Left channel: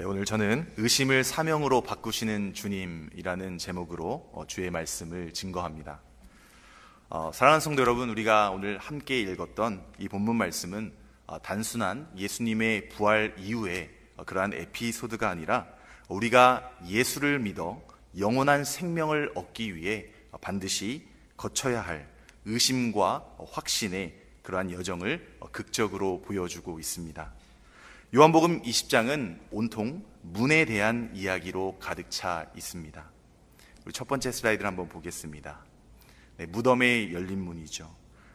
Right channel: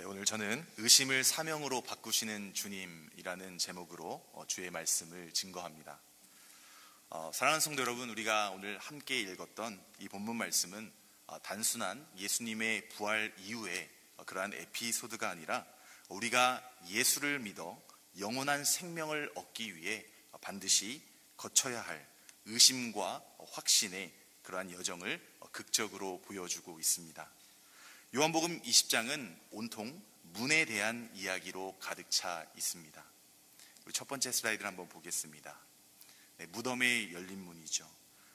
네, 오늘 저는 의심을 사명으로 바꾸시는 주님이라는 제목으로 주의 말씀을 증거합니다. 사랑하는 성도 여러분, 우리가 오늘 함께 읽었던 이 본문 말씀은 단순한 예수님의 부활 이후의 그러한 에피소드가 아니라 우리가 예수를 믿어 영원한 생명을 얻기 위해 반드시 거쳐야 할 의심과 확신의 그러한 여정을 극적으로 보여주고 있습니다. 요한복음 20장은 온통 문에 대한 이야기로 가득 차 있습니다. 우리 첫 번째 슬라이드를 한번 보겠습니다. 네, 무덤의 열린 문이죠.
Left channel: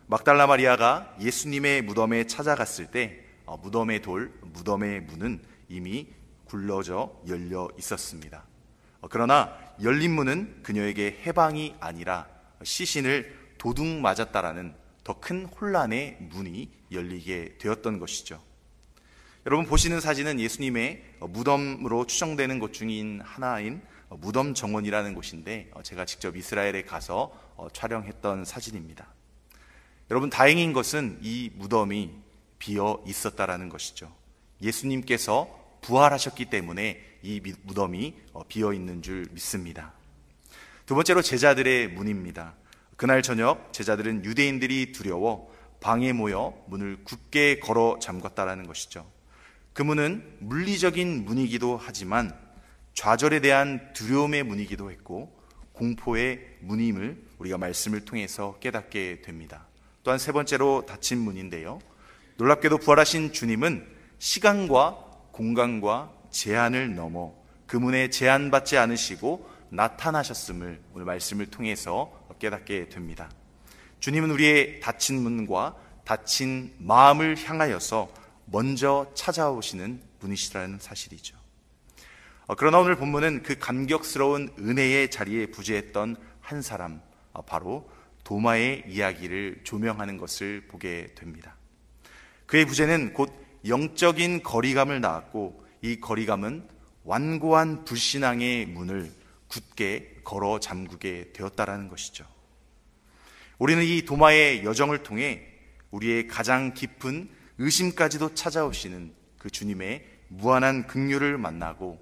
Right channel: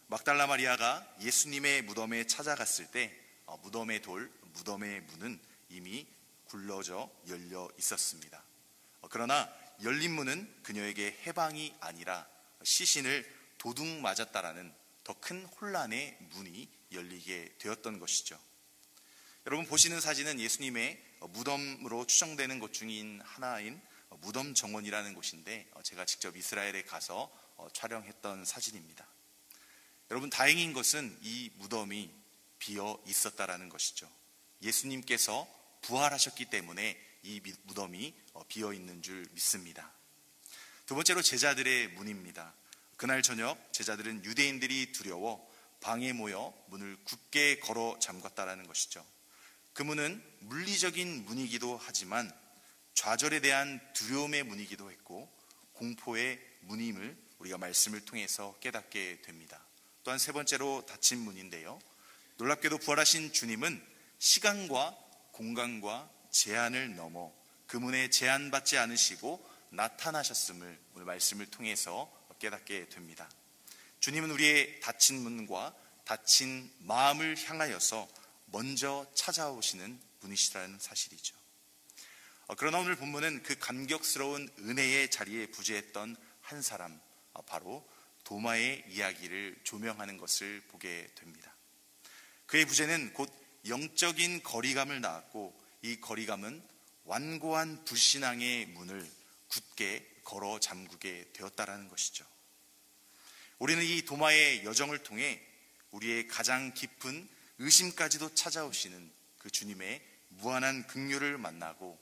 막달라 마리아가 예수님의 무덤에 찾아갔을 때 무덤의 무덤의 문은 이미 굴러져 열려 있었습니다. 그러나 열린 문은 그녀에게 해방이 아니라 시신을 도둑 맞았다라는 더 큰 혼란의 문이 열리게 되었던 것이죠. 여러분 보시는 사진은 예수님의 무덤으로 추정되는 곳 중인 하나인 무덤 정원이라는 곳인데 제가 직접 이스라엘에 가서 촬영했던 사진입니다. 여러분 다행인 것은 이 무덤이 비어 있었다라는 것이죠. 예수님께서 부활하셨기 때문에 이 무덤이 비어 있는 줄 믿습니다. 두 번째로 제자들의 문입니다. 그날 저녁 제자들은 유대인들이 두려워 방에 모여 문을 굳게 걸어 잠갔다라는 것이죠. 그 문은 물리적인 문이기도 하지만 좌절에 대한 두려움의 문이기도 했고 공포의 문임을 우리가 말씀을 통해서 깨닫게 됩니다. 또한 세 번째로 닫힌 문인데요. 놀랍게도 부활하신 주님은 시간과 공간과 제한을 넘어 그 문에 제한받지 않으시고 나타나셨음을 오늘 말씀을 통해서 깨닫게 됩니다. 주님은 우리의 닫힌 문과 닫힌 마음을 향하여서 먼저 찾아오시는 분이시라는 사실이죠. 그러나 오늘 본문은 그 감격스러운 은혜의 자리에 부재했던 한 사람, 바로 도마의 이야기를 조명하는 것을 보게 됩니다. 그의 부재는 곧 영적인 거리감을 낳았고 이 거리감은 완고한 불신앙의 문을 굳게 걸어 잠그게 되었다라는 것이죠. 우리는 이 도마의 여정을 통해 우리의 가장 깊은 의심까지도 찾아오시는 그 주님의 무한한 긍휼을 만나고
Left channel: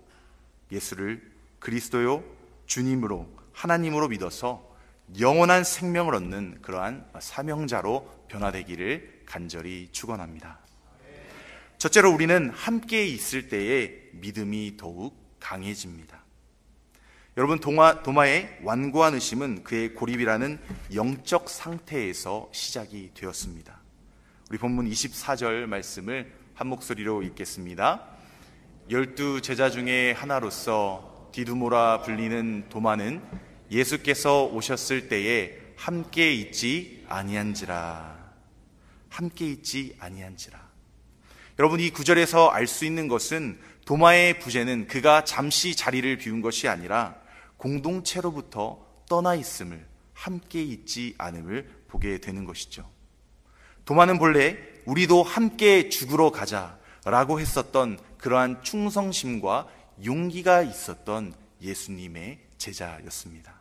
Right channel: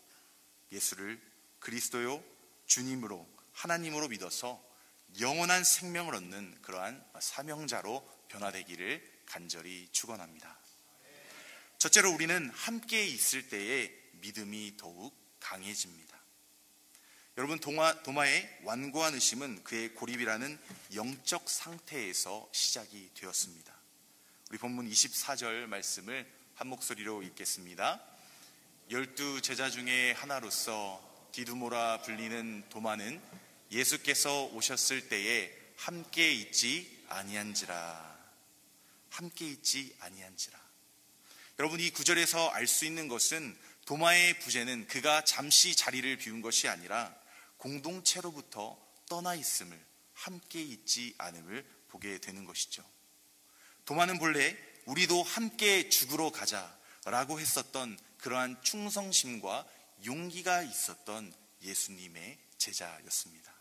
예수를 그리스도요 주님으로 하나님으로 믿어서 영원한 생명을 얻는 그러한 사명자로 변화되기를 간절히 축원합니다. 첫째로 우리는 함께 있을 때에 믿음이 더욱 강해집니다. 여러분 도마의 완고한 의심은 그의 고립이라는 영적 상태에서 시작이 되었습니다. 우리 본문 24절 말씀을 한 목소리로 읽겠습니다. 12 제자 중에 하나로서 디두모라 불리는 도마는 예수께서 오셨을 때에 함께 있지 아니한지라. 함께 있지 아니한지라. 여러분 이 구절에서 알 수 있는 것은 도마의 부재는 그가 잠시 자리를 비운 것이 아니라 공동체로부터 떠나 있음을, 함께 있지 않음을 보게 되는 것이죠. 도마는 본래 우리도 함께 죽으러 가자라고 했었던 그러한 충성심과 용기가 있었던 예수님의 제자였습니다.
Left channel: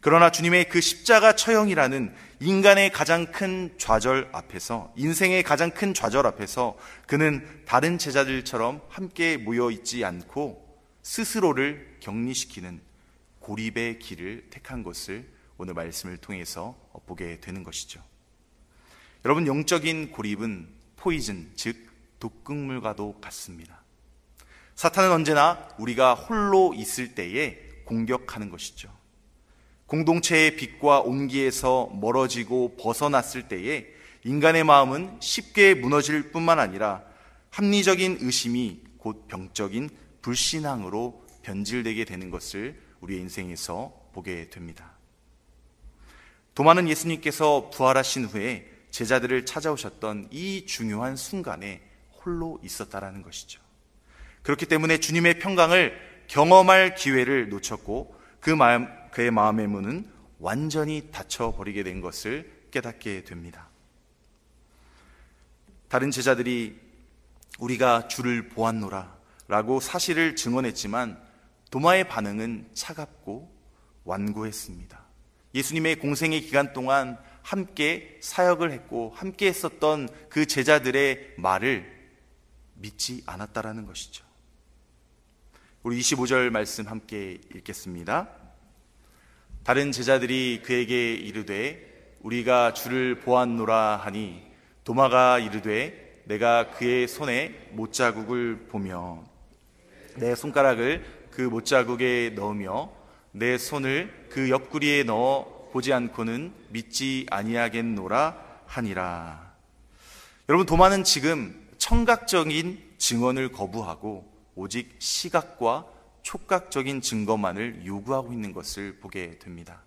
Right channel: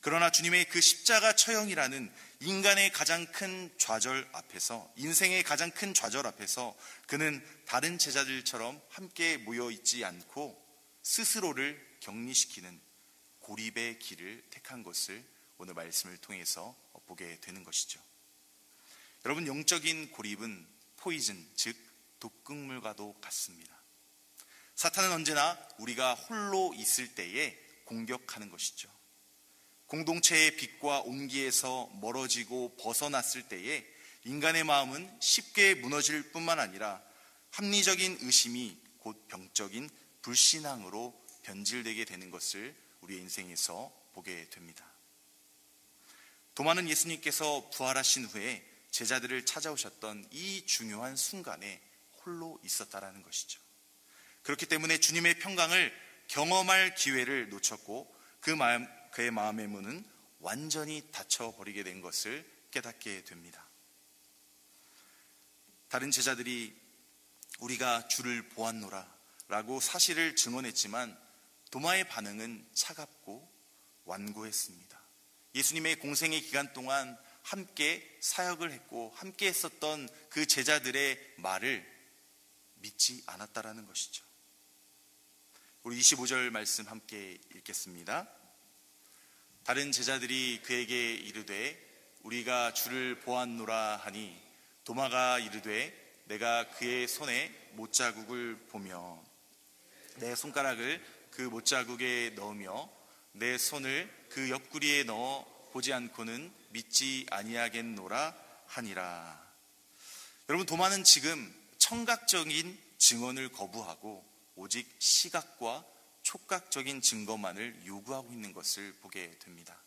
그러나 주님의 그 십자가 처형이라는 인간의 가장 큰 좌절 앞에서, 인생의 가장 큰 좌절 앞에서 그는 다른 제자들처럼 함께 모여 있지 않고 스스로를 격리시키는 고립의 길을 택한 것을 오늘 말씀을 통해서 보게 되는 것이죠. 여러분 영적인 고립은 포이즌, 즉 독극물과도 같습니다. 사탄은 언제나 우리가 홀로 있을 때에 공격하는 것이죠. 공동체의 빛과 온기에서 멀어지고 벗어났을 때에 인간의 마음은 쉽게 무너질 뿐만 아니라 합리적인 의심이 곧 병적인 불신앙으로 변질되게 되는 것을 우리의 인생에서 보게 됩니다. 도마는 예수님께서 부활하신 후에 제자들을 찾아오셨던 이 중요한 순간에 홀로 있었다라는 것이죠. 그렇기 때문에 주님의 평강을 경험할 기회를 놓쳤고 그의 마음의 문은 완전히 닫혀버리게 된 것을 깨닫게 됩니다. 다른 제자들이 우리가 주를 보았노라 라고 사실을 증언했지만 도마의 반응은 차갑고 완고했습니다. 예수님의 공생의 기간 동안 함께 사역을 했고 함께 했었던 그 제자들의 말을 믿지 않았다라는 것이죠. 우리 25절 말씀 함께 읽겠습니다. 다른 제자들이 그에게 이르되 우리가 주를 보았노라 하니 도마가 이르되 내가 그의 손에 못자국을 보며 내 손가락을 그 못자국에 넣으며 내 손을 그 옆구리에 넣어 보지 않고는 믿지 아니하겠노라 하니라. 여러분, 도마는 지금 청각적인 증언을 거부하고 오직 시각과 촉각적인 증거만을 요구하고 있는 것을 보게 됩니다.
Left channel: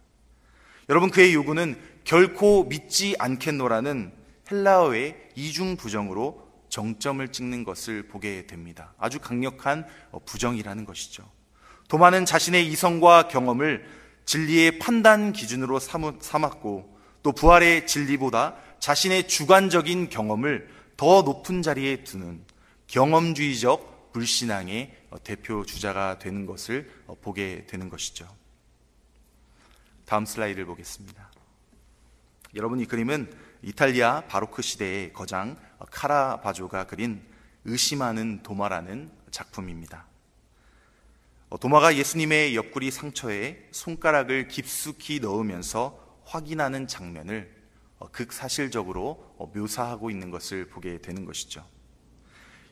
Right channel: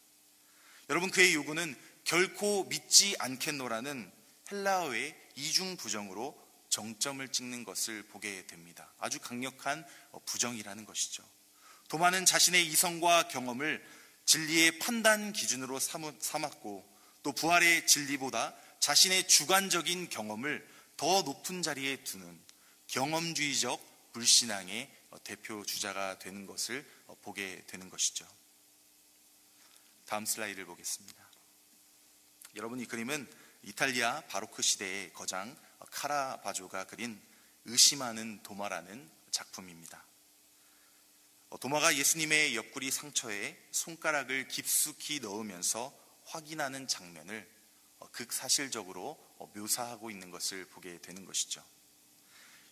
여러분, 그의 요구는 결코 믿지 않겠노라는 헬라어의 이중 부정으로 정점을 찍는 것을 보게 됩니다. 아주 강력한 부정이라는 것이죠. 도마는 자신의 이성과 경험을 진리의 판단 기준으로 삼았고 또 부활의 진리보다 자신의 주관적인 경험을 더 높은 자리에 두는 경험주의적 불신앙의 대표 주자가 되는 것을 보게 되는 것이죠. 다음 슬라이드를 보겠습니다. 여러분, 이 그림은 이탈리아 바로크 시대의 거장 카라바조가 그린 의심하는 도마라는 작품입니다. 도마가 예수님의 옆구리 상처에 손가락을 깊숙이 넣으면서 확인하는 장면을 극사실적으로 묘사하고 있는 것을 보게 되는 것이죠.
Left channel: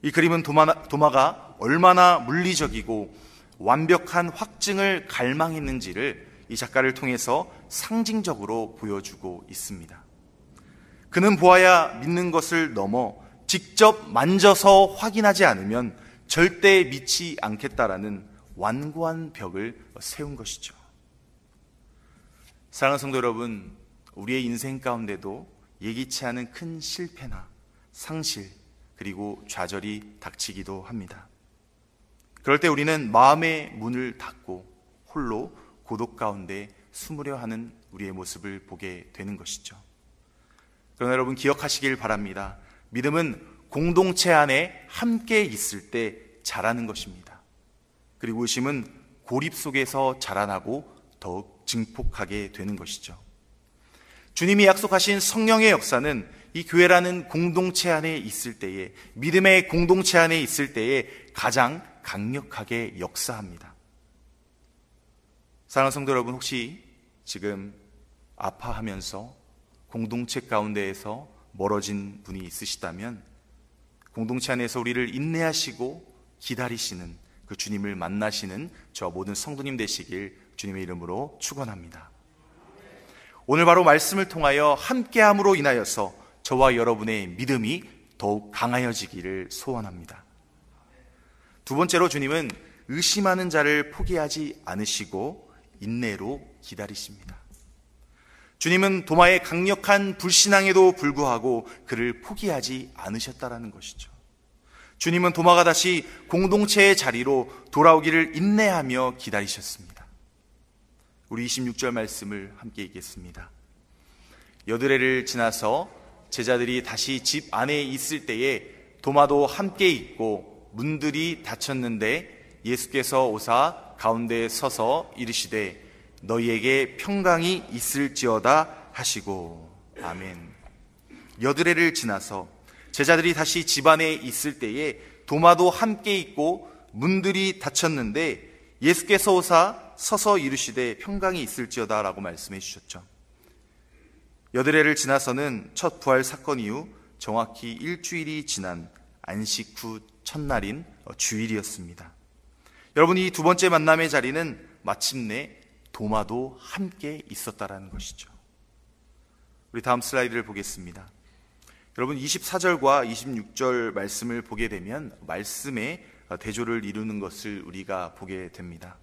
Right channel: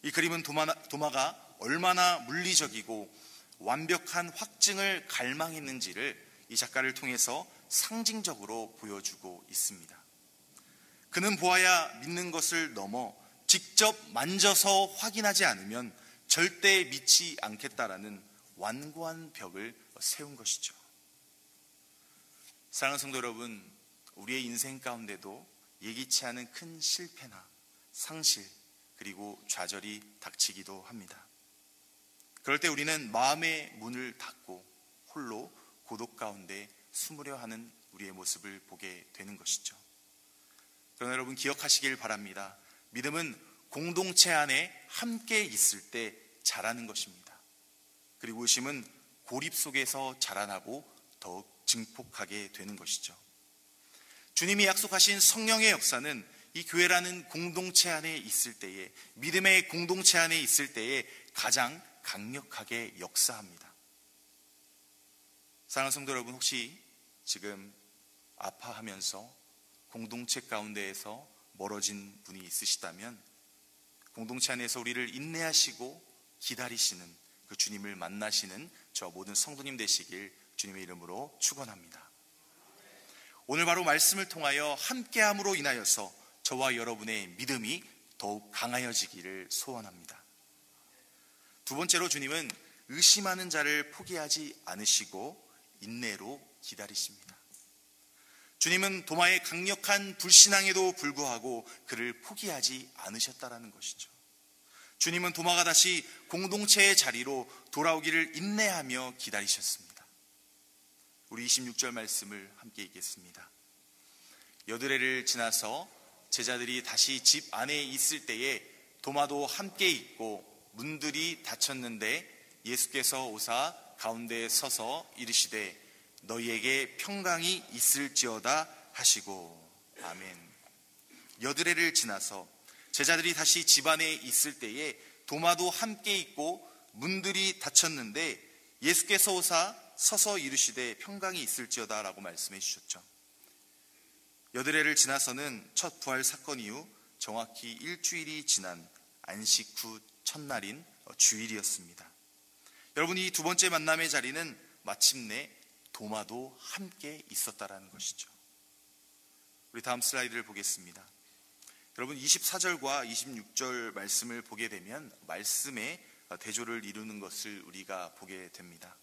이 그림은 도마가 얼마나 물리적이고 완벽한 확증을 갈망했는지를 이 작가를 통해서 상징적으로 보여주고 있습니다. 그는 보아야 믿는 것을 넘어 직접 만져서 확인하지 않으면 절대 믿지 않겠다라는 완고한 벽을 세운 것이죠. 사랑하는 성도 여러분, 우리의 인생 가운데도 예기치 않은 큰 실패나 상실 그리고 좌절이 닥치기도 합니다. 그럴 때 우리는 마음의 문을 닫고 홀로 고독 가운데 숨으려 하는 우리의 모습을 보게 되는 것이죠. 그러나 여러분, 기억하시길 바랍니다. 믿음은 공동체 안에 함께 있을 때 자라는 것입니다. 그리고 의심은 고립 속에서 자라나고 더욱 증폭하게 되는 것이죠. 주님이 약속하신 성령의 역사는 이 교회라는 공동체 안에 있을 때에, 믿음의 공동체 안에 있을 때에 가장 강력하게 역사합니다. 사랑하는 성도 여러분, 혹시 지금 아파하면서 공동체 가운데에서 멀어진 분이 있으시다면 공동체 안에서 우리를 인내하시고 기다리시는 그 주님을 만나시는 저 모든 성도님 되시길 주님의 이름으로 축원합니다. 오늘 바로 말씀을 통하여 함께함으로 인하여서 저와 여러분의 믿음이 더욱 강하여지기를 소원합니다. 두 번째로, 주님은 의심하는 자를 포기하지 않으시고 인내로 기다리십니다. 주님은 도마의 강력한 불신앙에도 불구하고 그를 포기하지 않으셨다라는 것이죠. 주님은 도마가 다시 공동체의 자리로 돌아오기를 인내하며 기다리셨습니다. 우리 26절 말씀을 함께 읽겠습니다. 여드레를 지나서 제자들이 다시 집 안에 있을 때에 도마도 함께 있고 문들이 닫혔는데 예수께서 오사 가운데 서서 이르시되 너희에게 평강이 있을지어다 하시고. 아멘. 여드레를 지나서 제자들이 다시 집 안에 있을 때에 도마도 함께 있고 문들이 닫혔는데 예수께서 오사 서서 이르시되 평강이 있을지어다 라고 말씀해 주셨죠. 여드레를 지나서는 첫 부활 사건 이후 정확히 일주일이 지난 안식 후 첫날인 주일이었습니다. 여러분, 이 두 번째 만남의 자리는 마침내 도마도 함께 있었다라는 것이죠. 우리 다음 슬라이드를 보겠습니다. 여러분, 24절과 26절 말씀을 보게 되면 말씀의 대조를 이루는 것을 우리가 보게 됩니다.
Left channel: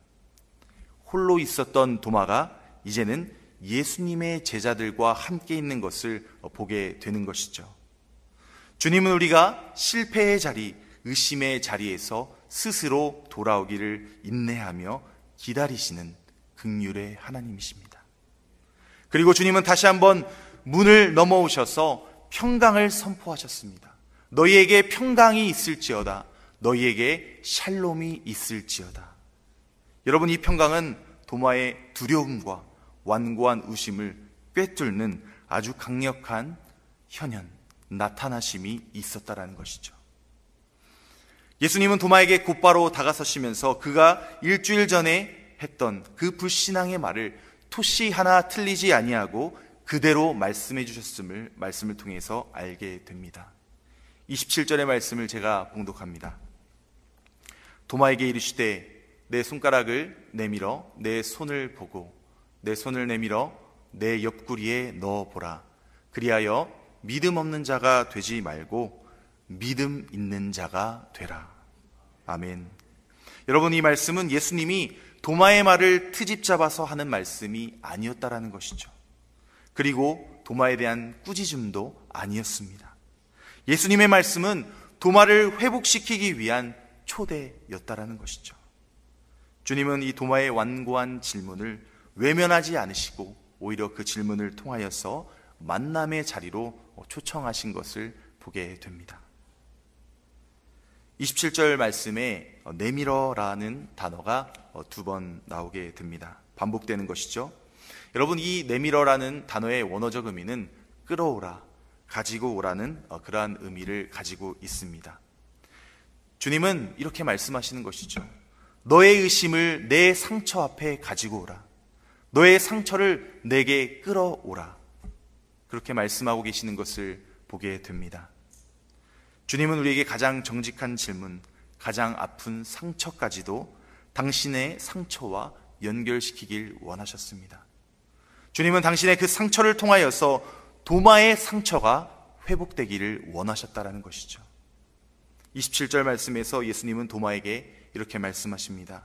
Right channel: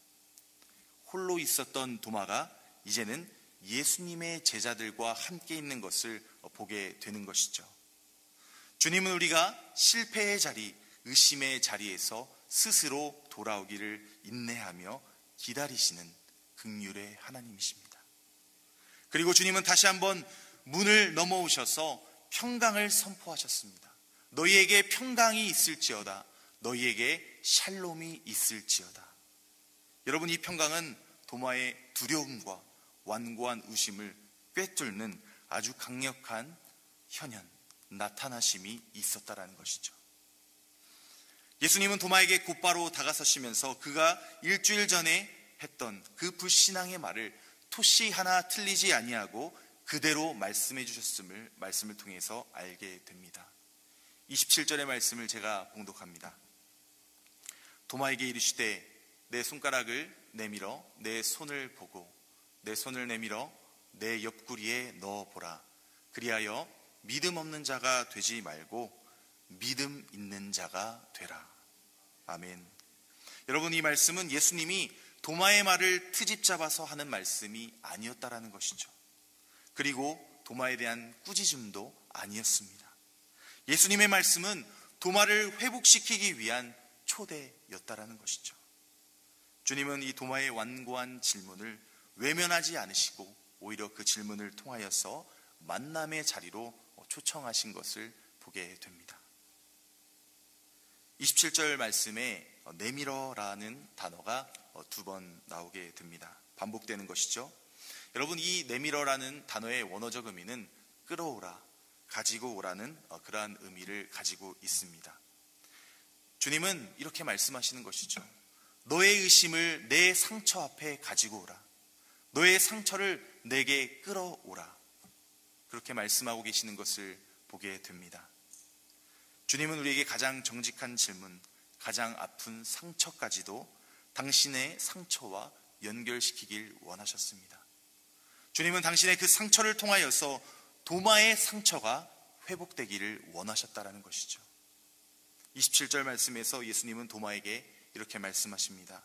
홀로 있었던 도마가 이제는 예수님의 제자들과 함께 있는 것을 보게 되는 것이죠. 주님은 우리가 실패의 자리, 의심의 자리에서 스스로 돌아오기를 인내하며 기다리시는 긍휼의 하나님이십니다. 그리고 주님은 다시 한번 문을 넘어오셔서 평강을 선포하셨습니다. 너희에게 평강이 있을지어다. 너희에게 샬롬이 있을지어다. 여러분, 이 평강은 도마의 두려움과 완고한 의심을 꿰뚫는 아주 강력한 현현, 나타나심이 있었다라는 것이죠. 예수님은 도마에게 곧바로 다가서시면서 그가 일주일 전에 했던 그 불신앙의 말을 토시 하나 틀리지 아니하고 그대로 말씀해 주셨음을 말씀을 통해서 알게 됩니다. 27절의 말씀을 제가 봉독합니다. 도마에게 이르시되 내 손가락을 내밀어 내 손을 보고 내 손을 내밀어 내 옆구리에 넣어보라. 그리하여 믿음 없는 자가 되지 말고 믿음 있는 자가 되라. 아멘. 여러분, 이 말씀은 예수님이 도마의 말을 트집 잡아서 하는 말씀이 아니었다라는 것이죠. 그리고 도마에 대한 꾸짖음도 아니었습니다. 예수님의 말씀은 도마를 회복시키기 위한 초대였다라는 것이죠. 주님은 이 도마의 완고한 질문을 외면하지 않으시고 오히려 그 질문을 통하여서 만남의 자리로 초청하신 것을 보게 됩니다. 27절 말씀에 내밀어라는 단어가 두 번 나오게 됩니다. 반복되는 것이죠. 여러분, 이 내밀어라는 단어의 원어적 의미는 끌어오라, 가지고 오라는 그러한 의미를 가지고 있습니다. 주님은 이렇게 말씀하시는 것이죠. 너의 의심을 내 상처 앞에 가지고 오라. 너의 상처를 내게 끌어오라. 그렇게 말씀하고 계시는 것을 보게 됩니다. 주님은 우리에게 가장 정직한 질문, 가장 아픈 상처까지도 당신의 상처와 연결시키길 원하셨습니다. 주님은 당신의 그 상처를 통하여서 도마의 상처가 회복되기를 원하셨다라는 것이죠. 27절 말씀에서 예수님은 도마에게 이렇게 말씀하십니다.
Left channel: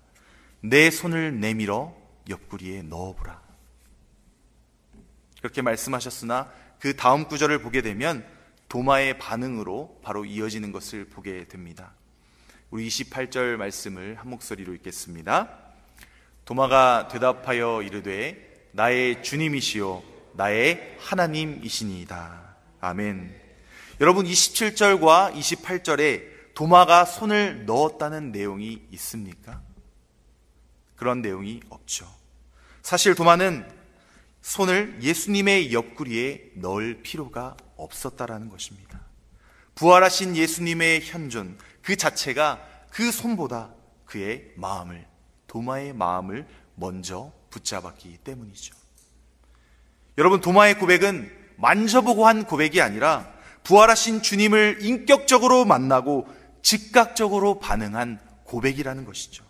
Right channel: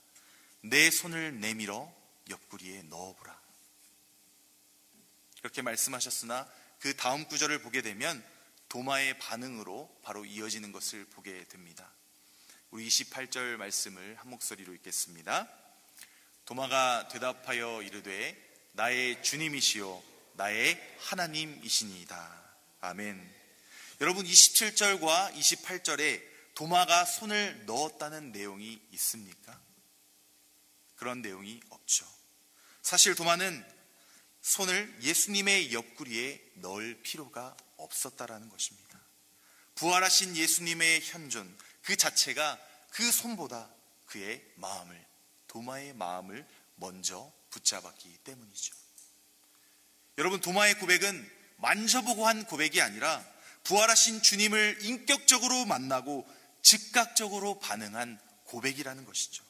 내 손을 내밀어 옆구리에 넣어보라. 그렇게 말씀하셨으나 그 다음 구절을 보게 되면 도마의 반응으로 바로 이어지는 것을 보게 됩니다. 우리 28절 말씀을 한 목소리로 읽겠습니다. 도마가 대답하여 이르되 나의 주님이시요 나의 하나님이시니이다. 아멘. 여러분, 27절과 28절에 도마가 손을 넣었다는 내용이 있습니까? 그런 내용이 없죠. 사실 도마는 손을 예수님의 옆구리에 넣을 필요가 없었다라는 것입니다. 부활하신 예수님의 현존 그 자체가 그 손보다 그의 마음을, 도마의 마음을 먼저 붙잡았기 때문이죠. 여러분, 도마의 고백은 만져보고 한 고백이 아니라 부활하신 주님을 인격적으로 만나고 즉각적으로 반응한 고백이라는 것이죠.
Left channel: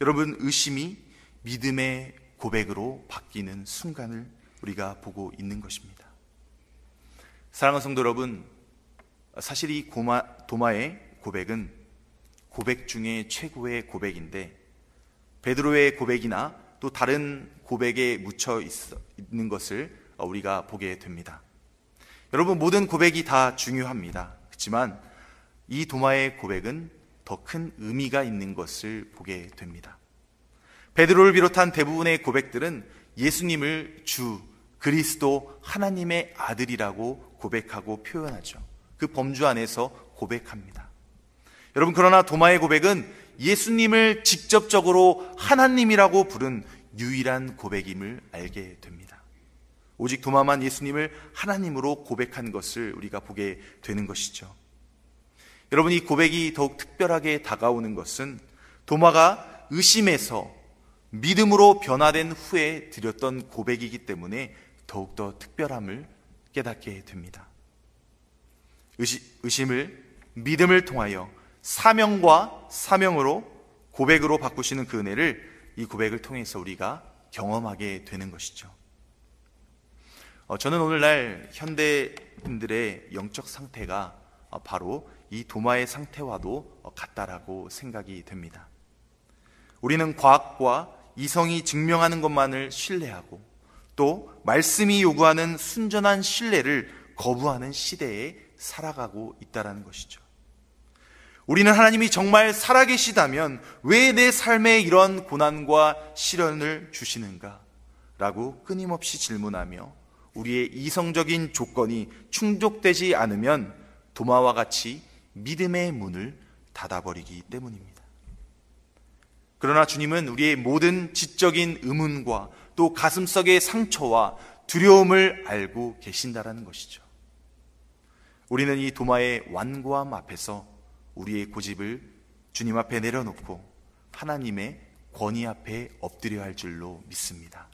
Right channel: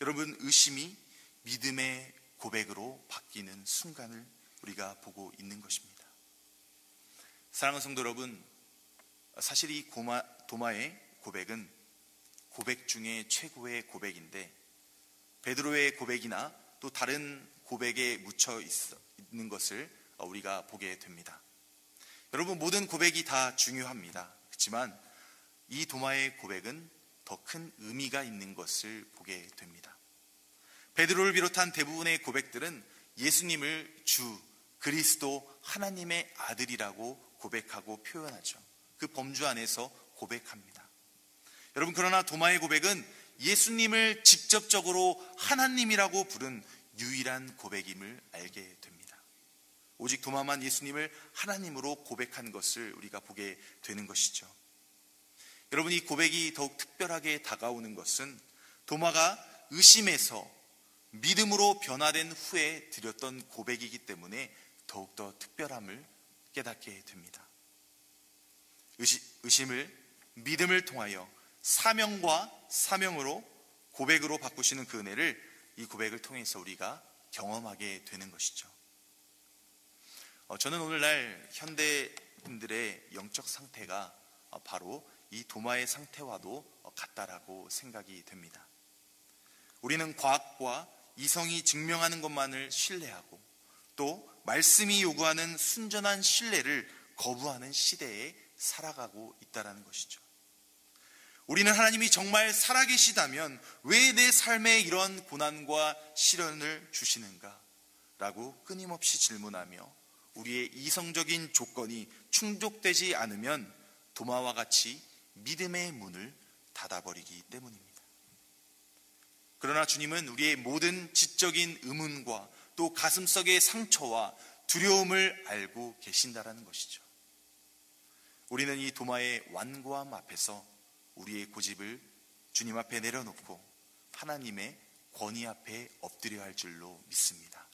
여러분, 의심이 믿음의 고백으로 바뀌는 순간을 우리가 보고 있는 것입니다. 사랑하는 성도 여러분, 사실 이 도마의 고백은 고백 중에 최고의 고백인데 베드로의 고백이나 또 다른 고백에 묻혀 있는 것을 우리가 보게 됩니다. 여러분, 모든 고백이 다 중요합니다. 그렇지만 이 도마의 고백은 더 큰 의미가 있는 것을 보게 됩니다. 베드로를 비롯한 대부분의 고백들은 예수님을 주, 그리스도, 하나님의 아들이라고 고백하고 표현하죠. 그 범주 안에서 고백합니다. 여러분, 그러나 도마의 고백은 예수님을 직접적으로 하나님이라고 부른 유일한 고백임을 알게 됩니다. 오직 도마만 예수님을 하나님으로 고백한 것을 우리가 보게 되는 것이죠. 여러분, 이 고백이 더욱 특별하게 다가오는 것은 도마가 의심에서 믿음으로 변화된 후에 드렸던 고백이기 때문에 더욱더 특별함을 깨닫게 됩니다. 의심을 믿음을 통하여 사명과 사명으로 고백으로 바꾸시는 그 은혜를 이 고백을 통해서 우리가 경험하게 되는 것이죠. 저는 오늘날 현대인들의 영적 상태가 바로 이 도마의 상태와도 같다라고 생각이 됩니다. 우리는 과학과 이성이 증명하는 것만을 신뢰하고 또 말씀이 요구하는 순전한 신뢰를 거부하는 시대에 살아가고 있다는 것이죠. 우리는 하나님이 정말 살아계시다면 왜 내 삶에 이런 고난과 시련을 주시는가? 라고 끊임없이 질문하며 우리의 이성적인 조건이 충족되지 않으면 도마와 같이 믿음의 문을 닫아버리기 때문입니다. 그러나 주님은 우리의 모든 지적인 의문과 또 가슴속의 상처와 두려움을 알고 계신다라는 것이죠. 우리는 이 도마의 완고함 앞에서 우리의 고집을 주님 앞에 내려놓고 하나님의 권위 앞에 엎드려야 할 줄로 믿습니다.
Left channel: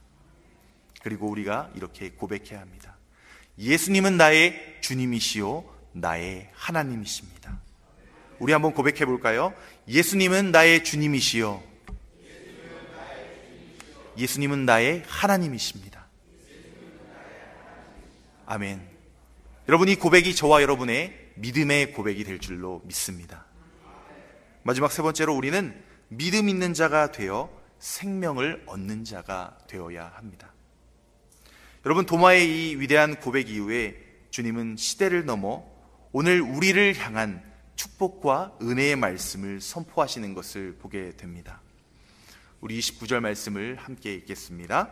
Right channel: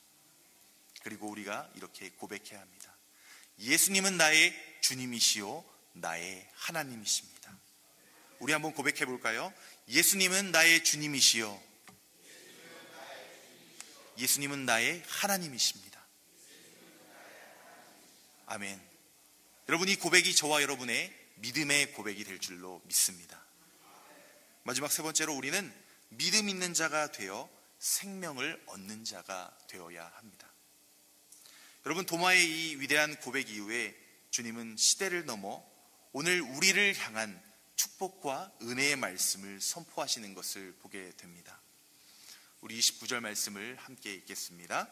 그리고 우리가 이렇게 고백해야 합니다. 예수님은 나의 주님이시요 나의 하나님이십니다. 우리 한번 고백해 볼까요? 예수님은 나의 주님이시요 예수님은 나의 하나님이십니다. 아멘. 여러분, 이 고백이 저와 여러분의 믿음의 고백이 될 줄로 믿습니다. 마지막 세 번째로 우리는 믿음 있는 자가 되어 생명을 얻는 자가 되어야 합니다. 여러분, 도마의 이 위대한 고백 이후에 주님은 시대를 넘어 오늘 우리를 향한 축복과 은혜의 말씀을 선포하시는 것을 보게 됩니다. 우리 29절 말씀을 함께 읽겠습니다.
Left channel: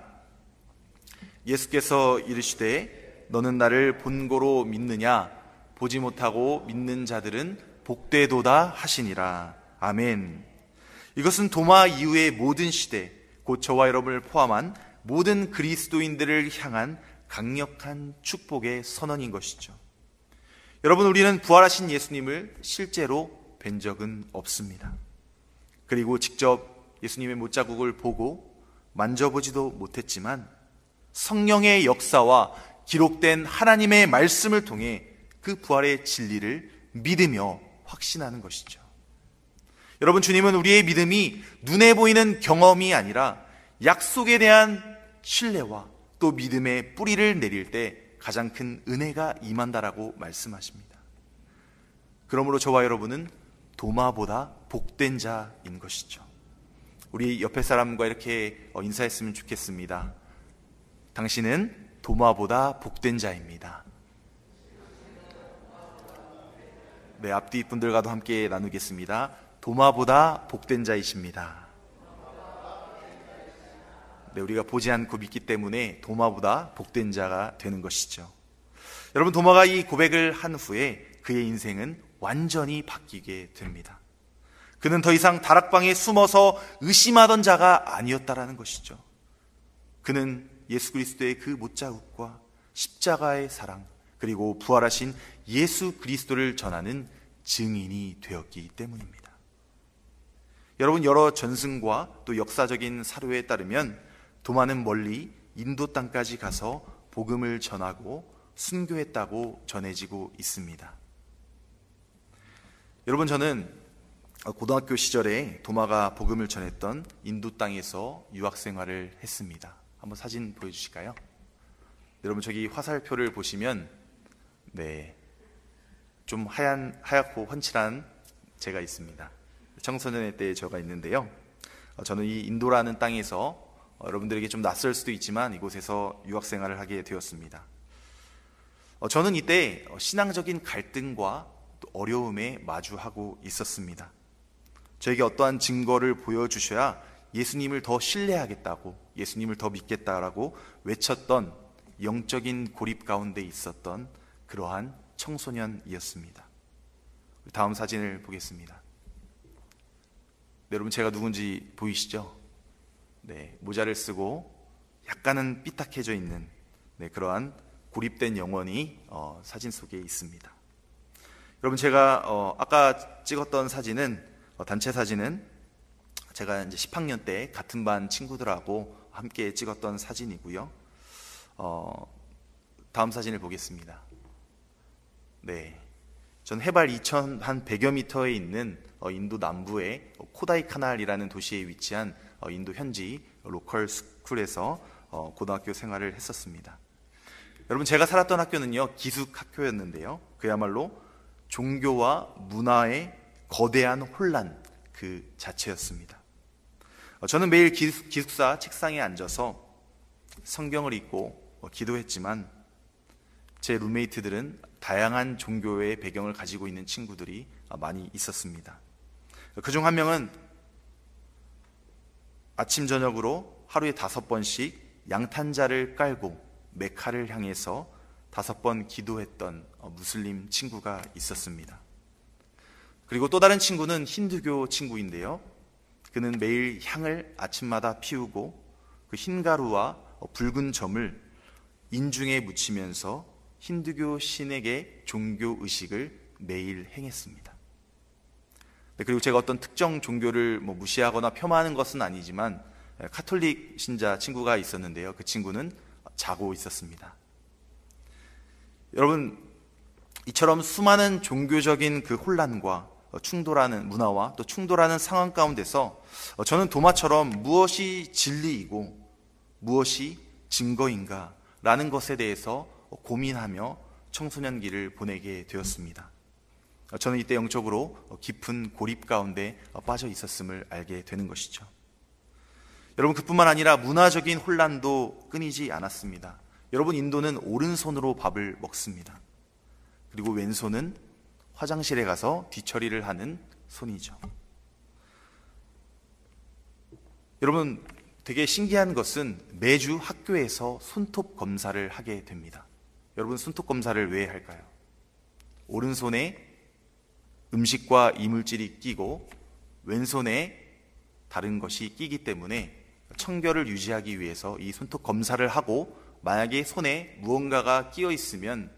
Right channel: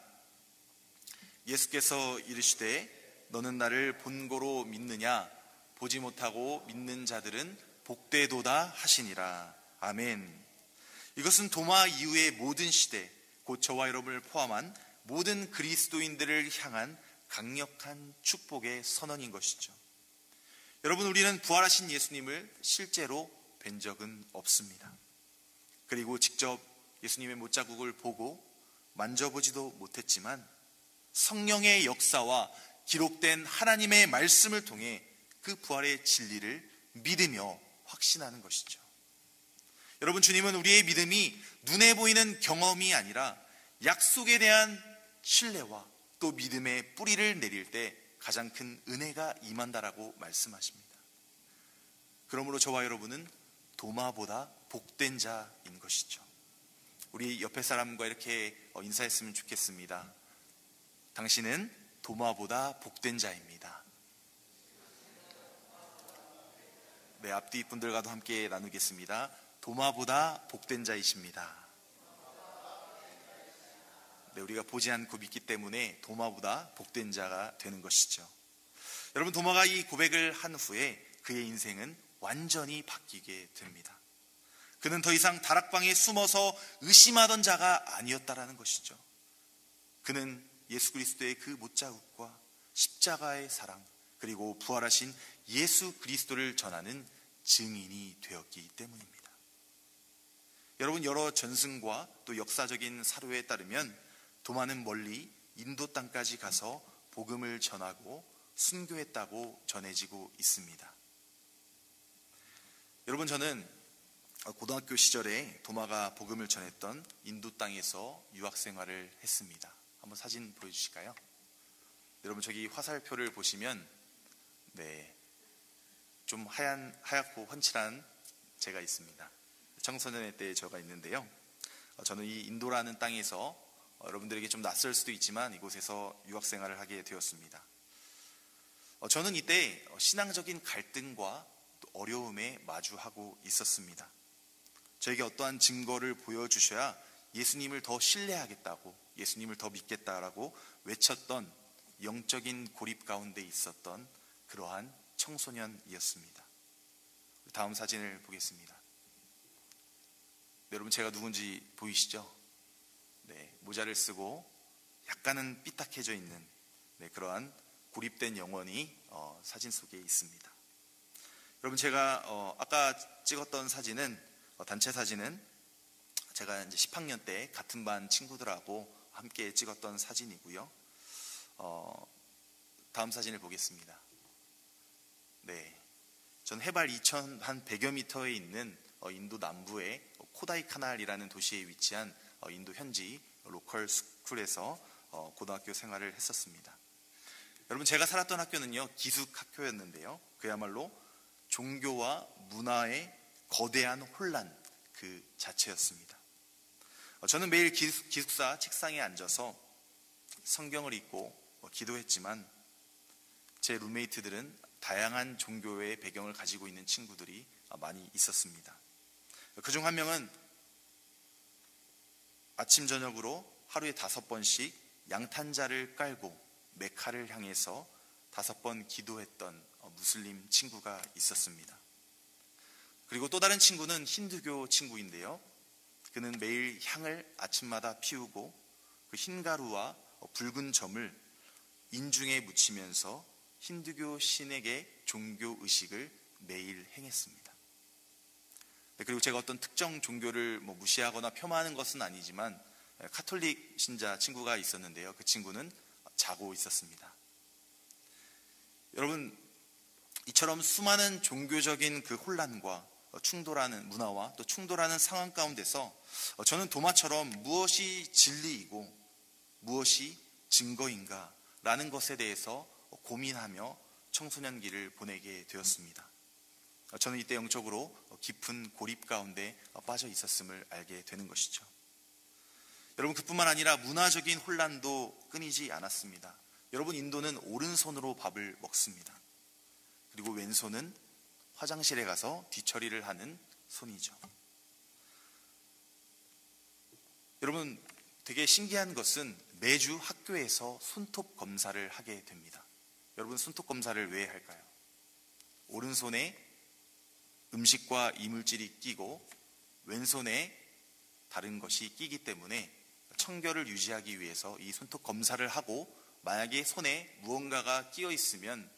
예수께서 이르시되 너는 나를 본고로 믿느냐? 보지 못하고 믿는 자들은 복되도다 하시니라. 아멘. 이것은 도마 이후의 모든 시대, 곧 저와 여러분을 포함한 모든 그리스도인들을 향한 강력한 축복의 선언인 것이죠. 여러분, 우리는 부활하신 예수님을 실제로 뵌 적은 없습니다. 그리고 직접 예수님의 못자국을 보고 만져보지도 못했지만 성령의 역사와 기록된 하나님의 말씀을 통해 그 부활의 진리를 믿으며 확신하는 것이죠. 여러분, 주님은 우리의 믿음이 눈에 보이는 경험이 아니라 약속에 대한 신뢰와 또 믿음의 뿌리를 내릴 때 가장 큰 은혜가 임한다라고 말씀하십니다. 그러므로 저와 여러분은 도마보다 복된 자인 것이죠. 우리 옆에 사람과 이렇게 인사했으면 좋겠습니다. 당신은 도마보다 복된 자입니다. 네, 앞뒤 분들과도 함께 나누겠습니다. 도마보다 복된 자이십니다. 네, 우리가 보지 않고 믿기 때문에 도마보다 복된 자가 되는 것이죠. 여러분, 도마가 이 고백을 한 후에 그의 인생은 완전히 바뀌게 됩니다. 그는 더 이상 다락방에 숨어서 의심하던 자가 아니었다라는 것이죠. 그는 예수 그리스도의 그 못자국과 십자가의 사랑, 그리고 부활하신 예수 그리스도를 전하는 증인이 되었기 때문입니다. 여러분, 여러 전승과 또 역사적인 사료에 따르면 도마는 멀리 인도 땅까지 가서 복음을 전하고 순교했다고 전해지고 있습니다. 여러분, 저는 고등학교 시절에 도마가 복음을 전했던 인도 땅에서 유학 생활을 했습니다. 한번 사진 보여주실까요? 여러분, 저기 화살표를 보시면 좀 하얗고 훤칠한 제가 있습니다. 청소년의 때의 저가 있는데요. 저는 이 인도라는 땅에서 여러분들에게 좀 낯설 수도 있지만 이곳에서 유학 생활을 하게 되었습니다. 저는 이때 신앙적인 갈등과 또 어려움에 마주하고 있었습니다. 저에게 어떠한 증거를 보여주셔야 예수님을 더 신뢰하겠다고, 예수님을 더 믿겠다라고 외쳤던 영적인 고립 가운데 있었던 그러한 청소년이었습니다. 다음 사진을 보겠습니다. 네, 여러분, 제가 누군지 보이시죠? 네, 모자를 쓰고 약간은 삐딱해져 있는 그러한 고립된 영혼이 사진 속에 있습니다. 여러분, 제가 아까 찍었던 사진은 단체 사진은 제가 이제 10학년 때 같은 반 친구들하고 함께 찍었던 사진이고요. 다음 사진을 보겠습니다. 네, 전 해발 2,100여 미터에 있는 인도 남부의 코다이 카날이라는 도시에 위치한 인도 현지 로컬 스쿨에서 고등학교 생활을 했었습니다. 여러분, 제가 살았던 학교는요, 기숙 학교였는데요, 그야말로 종교와 문화의 거대한 혼란 그 자체였습니다. 저는 매일 기숙사 책상에 앉아서 성경을 읽고 기도했지만 제 룸메이트들은 다양한 종교의 배경을 가지고 있는 친구들이 많이 있었습니다. 그중 한 명은 아침 저녁으로 하루에 5번씩 양탄자를 깔고 메카를 향해서 5번 기도했던 무슬림 친구가 있었습니다. 그리고 또 다른 친구는 힌두교 친구인데요, 그는 매일 향을 아침마다 피우고 그 흰가루와 붉은 점을 인중에 묻히면서 힌두교 신에게 종교 의식을 매일 행했습니다. 그리고 제가 어떤 특정 종교를 무시하거나 폄하하는 것은 아니지만 카톨릭 신자 친구가 있었는데요. 그 친구는 자고 있었습니다. 여러분, 이처럼 수많은 종교적인 그 혼란과 충돌하는 문화와 또 충돌하는 상황 가운데서 저는 도마처럼 무엇이 진리이고 무엇이 증거인가 라는 것에 대해서 고민하며 청소년기를 보내게 되었습니다. 저는 이때 영적으로 깊은 고립 가운데 빠져 있었음을 알게 되는 것이죠. 여러분, 그뿐만 아니라 문화적인 혼란도 끊이지 않았습니다. 여러분, 인도는 오른손으로 밥을 먹습니다. 그리고 왼손은 화장실에 가서 뒤처리를 하는 손이죠. 여러분, 되게 신기한 것은 매주 학교에서 손톱 검사를 하게 됩니다. 여러분, 손톱 검사를 왜 할까요? 오른손에 음식과 이물질이 끼고 왼손에 다른 것이 끼기 때문에 청결을 유지하기 위해서 이 손톱 검사를 하고, 만약에 손에 무언가가 끼어 있으면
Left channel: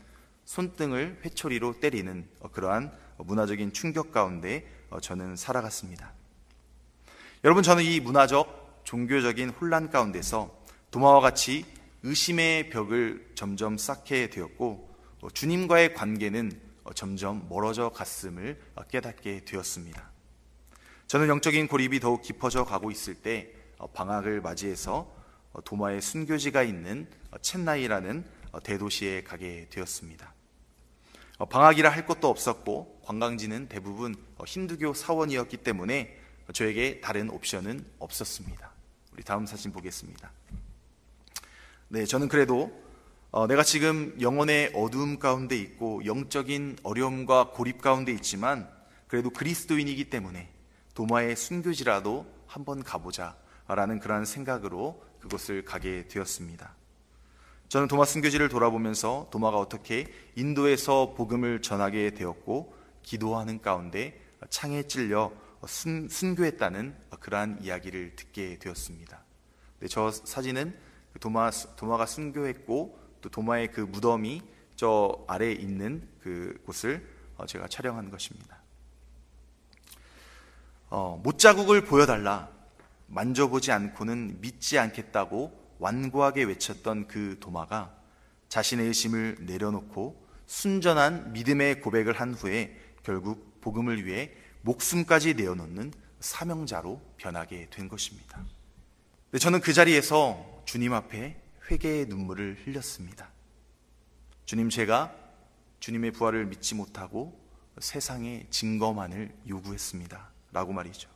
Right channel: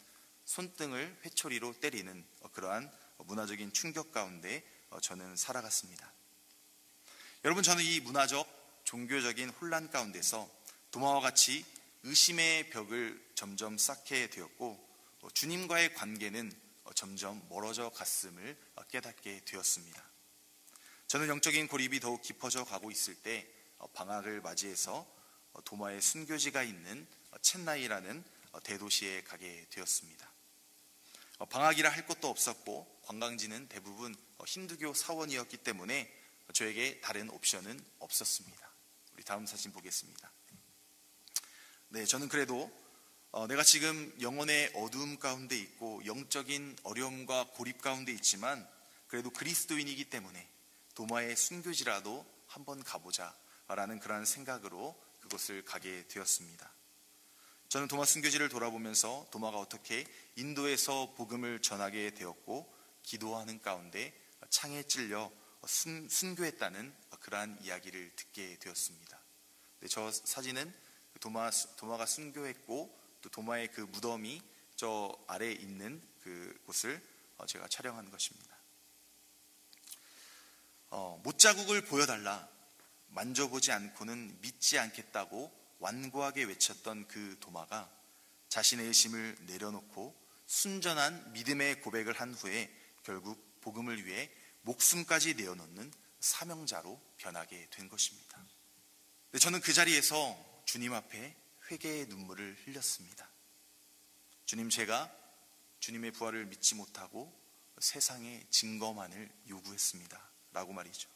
손등을 회초리로 때리는 그러한 문화적인 충격 가운데 저는 살아갔습니다. 여러분, 저는 이 문화적, 종교적인 혼란 가운데서 도마와 같이 의심의 벽을 점점 쌓게 되었고, 주님과의 관계는 점점 멀어져 갔음을 깨닫게 되었습니다. 저는 영적인 고립이 더욱 깊어져 가고 있을 때 방학을 맞이해서 도마의 순교지가 있는 첸나이라는 대도시에 가게 되었습니다. 방학이라 할 것도 없었고 관광지는 대부분 힌두교 사원이었기 때문에 저에게 다른 옵션은 없었습니다. 우리 다음 사진 보겠습니다. 네, 저는 그래도 내가 지금 영혼의 어두움 가운데 있고 영적인 어려움과 고립 가운데 있지만 그래도 그리스도인이기 때문에 도마의 순교지라도 한번 가보자 라는 그러한 생각으로 그곳을 가게 되었습니다. 저는 도마 순교지를 돌아보면서 도마가 어떻게 인도에서 복음을 전하게 되었고 기도하는 가운데 창에 찔려 순교했다는 그러한 이야기를 듣게 되었습니다. 네, 저 사진은 도마가 순교했고 또 도마의 그 무덤이 저 아래에 있는 그 곳을 제가 촬영한 것입니다. 못자국을 보여달라, 만져보지 않고는 믿지 않겠다고 완고하게 외쳤던 그 도마가 자신의 의심을 내려놓고 순전한 믿음의 고백을 한 후에 결국 복음을 위해 목숨까지 내어놓는 사명자로 변하게 된 것입니다. 저는 그 자리에서 주님 앞에 회개의 눈물을 흘렸습니다. 주님, 제가 주님의 부활을 믿지 못하고 세상에 증거만을 요구했습니다 라고 말이죠.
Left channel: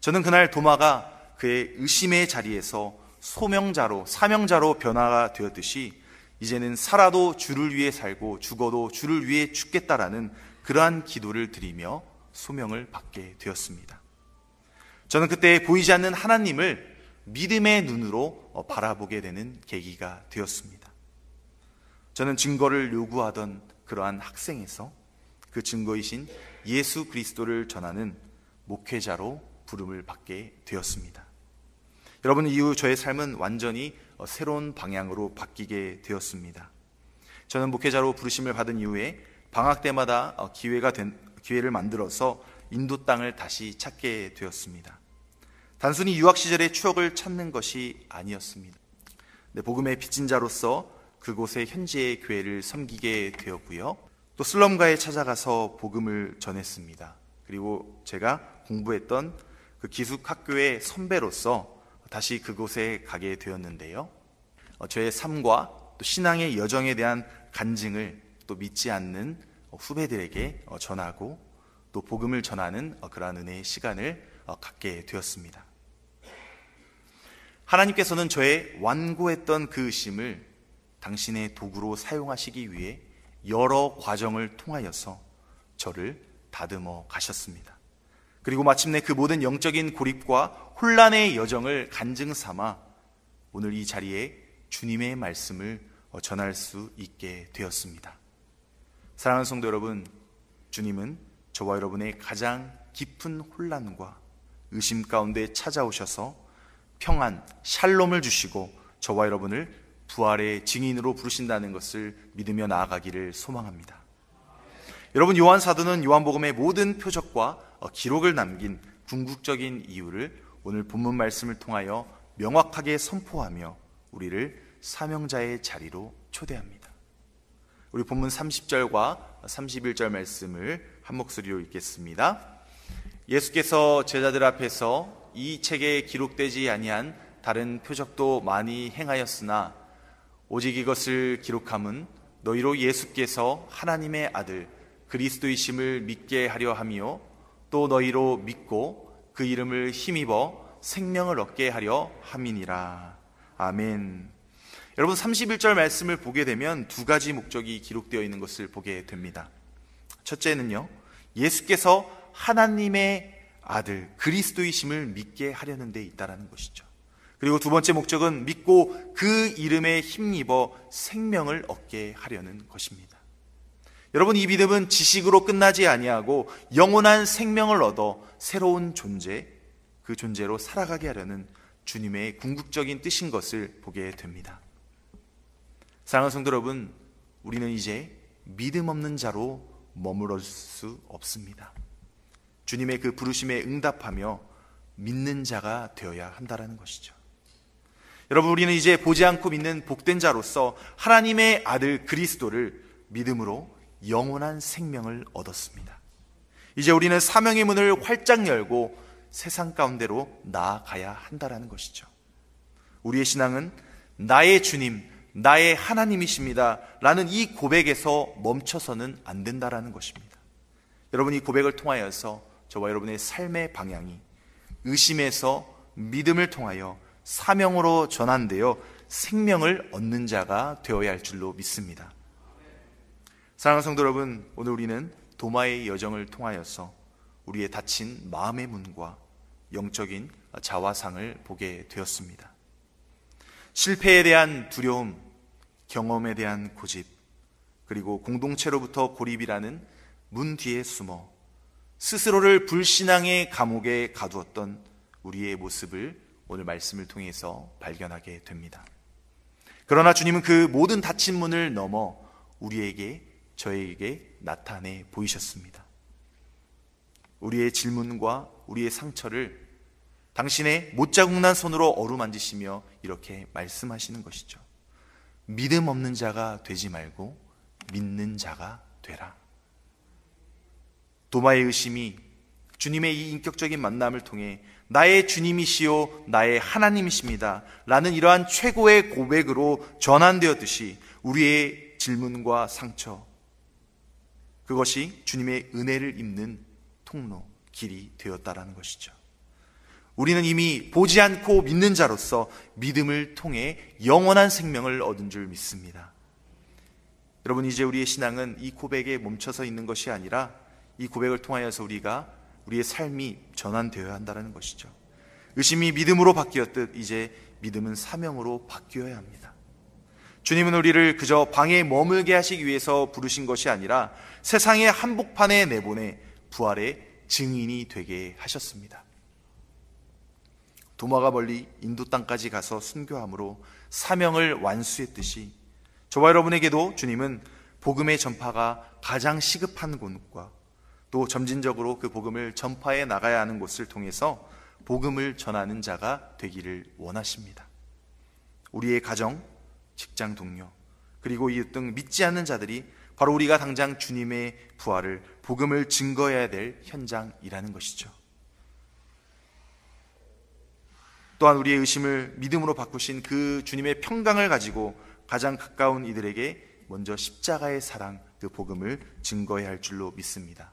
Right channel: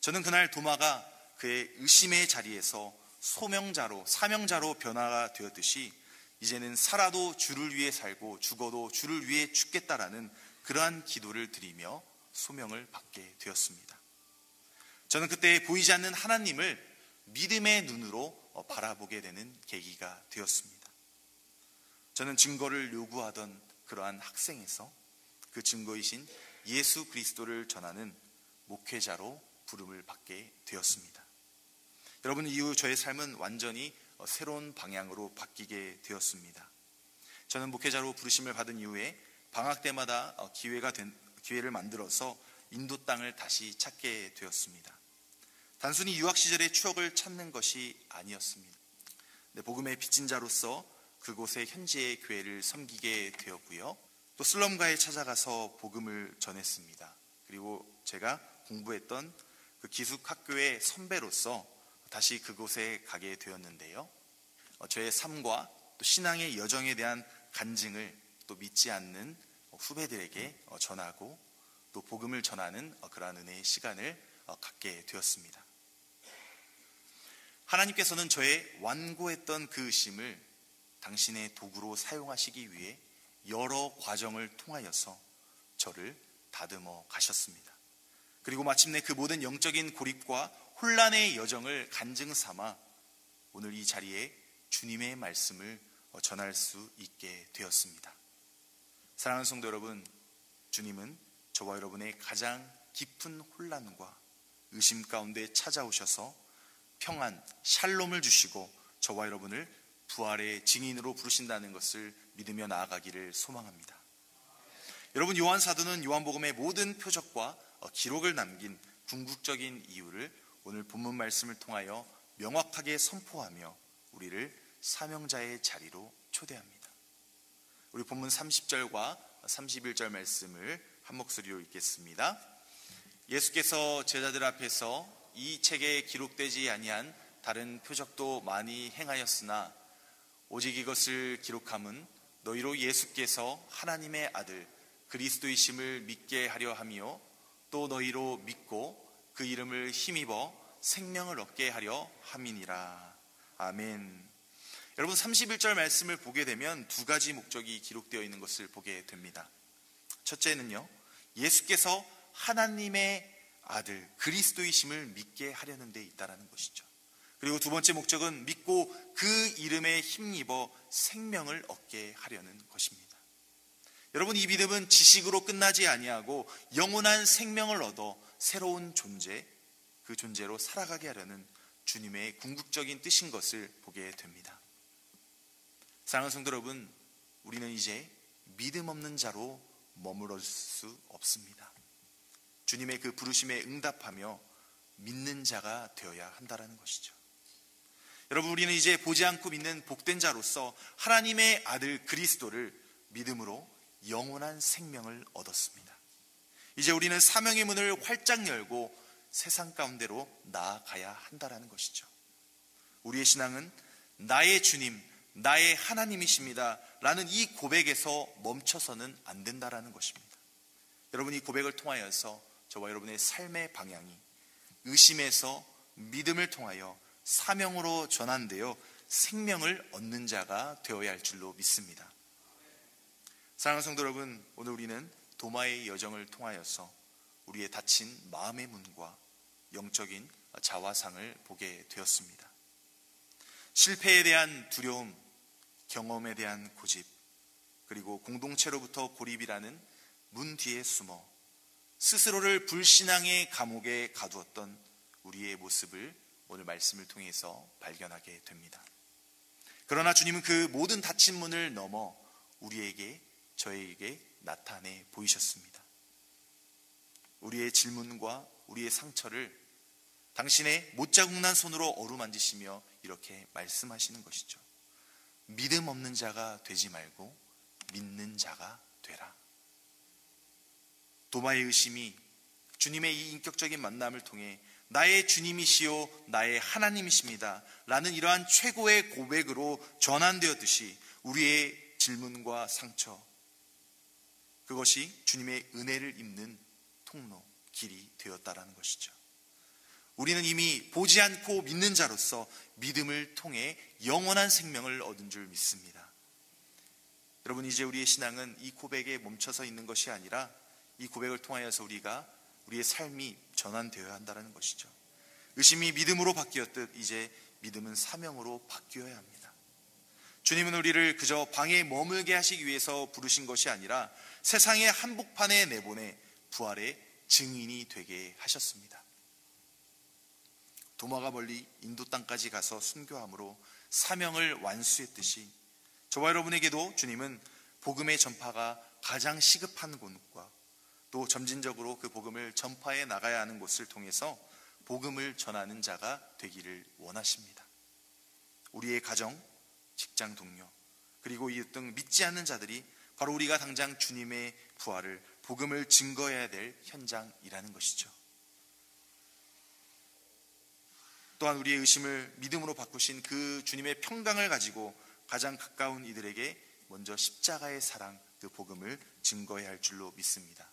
저는 그날 도마가 그의 의심의 자리에서 소명자로, 사명자로 변화가 되었듯이 이제는 살아도 주를 위해 살고 죽어도 주를 위해 죽겠다라는 그러한 기도를 드리며 소명을 받게 되었습니다. 저는 그때 보이지 않는 하나님을 믿음의 눈으로 바라보게 되는 계기가 되었습니다. 저는 증거를 요구하던 그러한 학생에서 그 증거이신 예수 그리스도를 전하는 목회자로 부름을 받게 되었습니다. 여러분, 이후 저의 삶은 완전히 새로운 방향으로 바뀌게 되었습니다. 저는 목회자로 부르심을 받은 이후에 방학 때마다 기회를 만들어서 인도 땅을 다시 찾게 되었습니다. 단순히 유학 시절의 추억을 찾는 것이 아니었습니다. 복음의 빚진 자로서 그곳의 현지의 교회를 섬기게 되었고요. 또 슬럼가에 찾아가서 복음을 전했습니다. 그리고 제가 공부했던 그 기숙학교의 선배로서 다시 그곳에 가게 되었는데요. 저의 삶과 또 신앙의 여정에 대한 간증을 또 믿지 않는 후배들에게 전하고 또 복음을 전하는 그러한 은혜의 시간을 갖게 되었습니다. 하나님께서는 저의 완고했던 그 의심을 당신의 도구로 사용하시기 위해 여러 과정을 통하여서 저를 다듬어 가셨습니다. 그리고 마침내 그 모든 영적인 고립과 혼란의 여정을 간증 삼아 오늘 이 자리에 주님의 말씀을 전할 수 있게 되었습니다. 사랑하는 성도 여러분, 주님은 저와 여러분의 가장 깊은 혼란과 의심 가운데 찾아오셔서 평안, 샬롬을 주시고 저와 여러분을 부활의 증인으로 부르신다는 것을 믿으며 나아가기를 소망합니다. 여러분, 요한 사도는 요한복음의 모든 표적과 기록을 남긴 궁극적인 이유를 오늘 본문 말씀을 통하여 명확하게 선포하며 우리를 사명자의 자리로 초대합니다. 우리 본문 30절과 31절 말씀을 한 목소리로 읽겠습니다. 예수께서 제자들 앞에서 이 책에 기록되지 아니한 다른 표적도 많이 행하였으나 오직 이것을 기록함은 너희로 예수께서 하나님의 아들 그리스도이심을 믿게 하려 함이요 또 너희로 믿고 그 이름을 힘입어 생명을 얻게 하려 함이니라. 아멘. 여러분, 31절 말씀을 보게 되면 두 가지 목적이 기록되어 있는 것을 보게 됩니다. 첫째는요, 예수께서 하나님의 아들 그리스도이심을 믿게 하려는 데 있다라는 것이죠. 그리고 두 번째 목적은 믿고 그 이름에 힘입어 생명을 얻게 하려는 것입니다. 여러분, 이 믿음은 지식으로 끝나지 아니하고 영원한 생명을 얻어 새로운 존재, 그 존재로 살아가게 하려는 주님의 궁극적인 뜻인 것을 보게 됩니다. 사랑하는 성도 여러분, 우리는 이제 믿음 없는 자로 머무를 수 없습니다. 주님의 그 부르심에 응답하며 믿는 자가 되어야 한다는 것이죠. 여러분, 우리는 이제 보지 않고 믿는 복된 자로서 하나님의 아들 그리스도를 믿음으로 영원한 생명을 얻었습니다. 이제 우리는 사명의 문을 활짝 열고 세상 가운데로 나아가야 한다는 것이죠. 우리의 신앙은 나의 주님, 나의 하나님이십니다 라는 이 고백에서 멈춰서는 안 된다는 것입니다. 여러분, 이 고백을 통하여서 저와 여러분의 삶의 방향이 의심에서 믿음을 통하여 사명으로 전환되어 생명을 얻는 자가 되어야 할 줄로 믿습니다. 사랑하는 성도 여러분, 오늘 우리는 도마의 여정을 통하여서 우리의 닫힌 마음의 문과 영적인 자화상을 보게 되었습니다. 실패에 대한 두려움, 경험에 대한 고집, 그리고 공동체로부터 고립이라는 문 뒤에 숨어 스스로를 불신앙의 감옥에 가두었던 우리의 모습을 오늘 말씀을 통해서 발견하게 됩니다. 그러나 주님은 그 모든 닫힌 문을 넘어 우리에게, 저에게 나타내 보이셨습니다. 우리의 질문과 우리의 상처를 당신의 못자국난 손으로 어루만지시며 이렇게 말씀하시는 것이죠. 믿음 없는 자가 되지 말고 믿는 자가 되라. 도마의 의심이 주님의 이 인격적인 만남을 통해 나의 주님이시요 나의 하나님이십니다 라는 이러한 최고의 고백으로 전환되었듯이 우리의 질문과 상처, 그것이 주님의 은혜를 입는 통로, 길이 되었다라는 것이죠. 우리는 이미 보지 않고 믿는 자로서 믿음을 통해 영원한 생명을 얻은 줄 믿습니다. 여러분, 이제 우리의 신앙은 이 고백에 멈춰서 있는 것이 아니라 이 고백을 통하여서 우리의 삶이 전환되어야 한다는 것이죠. 의심이 믿음으로 바뀌었듯 이제 믿음은 사명으로 바뀌어야 합니다. 주님은 우리를 그저 방에 머물게 하시기 위해서 부르신 것이 아니라 세상의 한복판에 내보내 부활의 증인이 되게 하셨습니다. 도마가 멀리 인도 땅까지 가서 순교함으로 사명을 완수했듯이 저와 여러분에게도 주님은 복음의 전파가 가장 시급한 곳과 또 점진적으로 그 복음을 전파해 나가야 하는 곳을 통해서 복음을 전하는 자가 되기를 원하십니다. 우리의 가정, 직장 동료, 그리고 이웃 등 믿지 않는 자들이 바로 우리가 당장 주님의 부활을, 복음을 증거해야 될 현장이라는 것이죠. 또한 우리의 의심을 믿음으로 바꾸신 그 주님의 평강을 가지고 가장 가까운 이들에게 먼저 십자가의 사랑, 그 복음을 증거해야 할 줄로 믿습니다.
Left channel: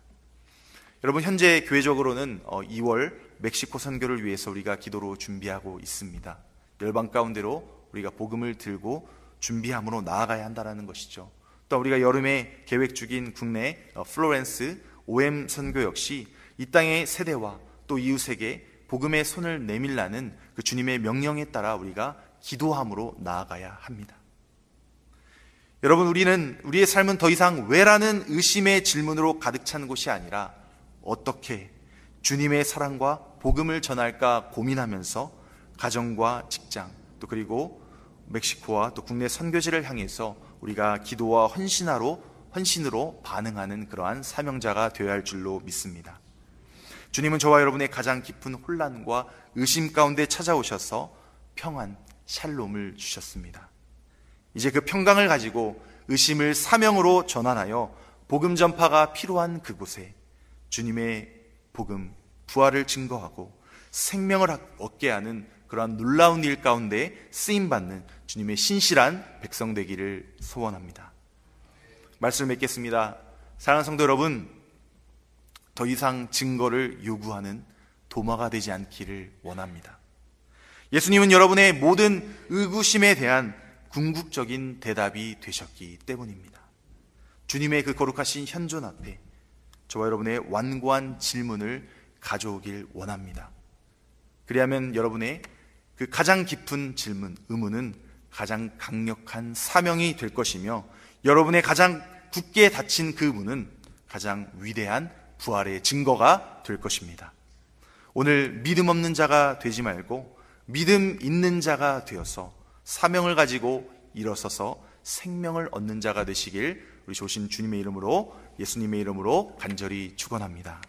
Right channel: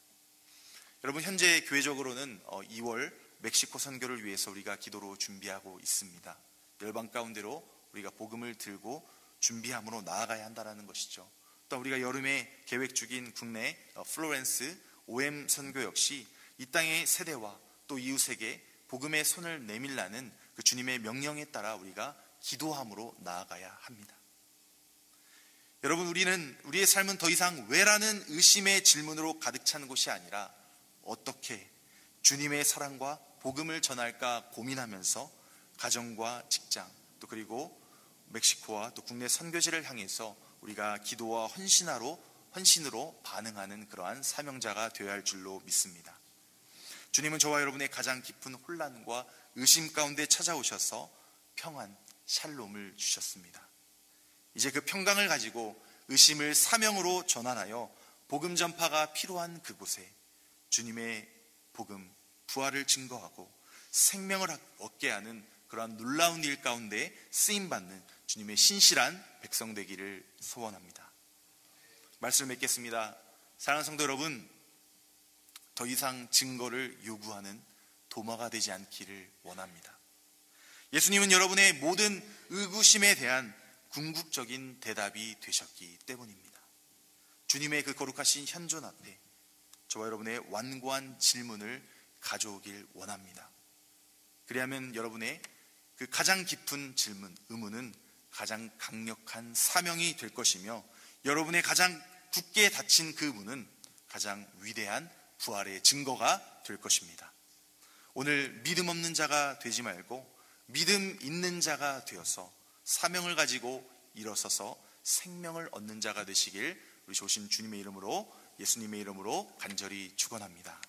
여러분, 현재 교회적으로는 2월 멕시코 선교를 위해서 우리가 기도로 준비하고 있습니다. 열방 가운데로 우리가 복음을 들고 준비함으로 나아가야 한다는 것이죠. 또 우리가 여름에 계획 중인 국내 플로렌스 OM 선교 역시 이 땅의 세대와 또 이웃에게 복음의 손을 내밀라는 그 주님의 명령에 따라 우리가 기도함으로 나아가야 합니다. 여러분, 우리의 삶은 더 이상 왜라는 의심의 질문으로 가득 찬 곳이 아니라 어떻게 주님의 사랑과 복음을 전할까 고민하면서 가정과 직장, 또 그리고 멕시코와 또 국내 선교지를 향해서 우리가 기도와 헌신으로 반응하는 그러한 사명자가 되어야 할 줄로 믿습니다. 주님은 저와 여러분의 가장 깊은 혼란과 의심 가운데 찾아오셔서 평안, 샬롬을 주셨습니다. 이제 그 평강을 가지고 의심을 사명으로 전환하여 복음 전파가 필요한 그곳에 주님의 복음, 부활을 증거하고 생명을 얻게 하는 그러한 놀라운 일 가운데 쓰임받는 주님의 신실한 백성 되기를 소원합니다. 말씀을 맺겠습니다. 사랑하는 성도 여러분, 더 이상 증거를 요구하는 도마가 되지 않기를 원합니다. 예수님은 여러분의 모든 의구심에 대한 궁극적인 대답이 되셨기 때문입니다. 주님의 그 거룩하신 현존 앞에 저와 여러분의 완고한 질문을 가져오길 원합니다. 그리하면 여러분의 그 가장 깊은 질문, 의문은 가장 강력한 사명이 될 것이며 여러분의 가장 굳게 닫힌 그 문은 가장 위대한 부활의 증거가 될 것입니다. 오늘 믿음 없는 자가 되지 말고 믿음 있는 자가 되어서 사명을 가지고 일어서서 생명을 얻는 자가 되시길 우리 좋으신 주님의 이름으로, 예수님의 이름으로 간절히 축원합니다.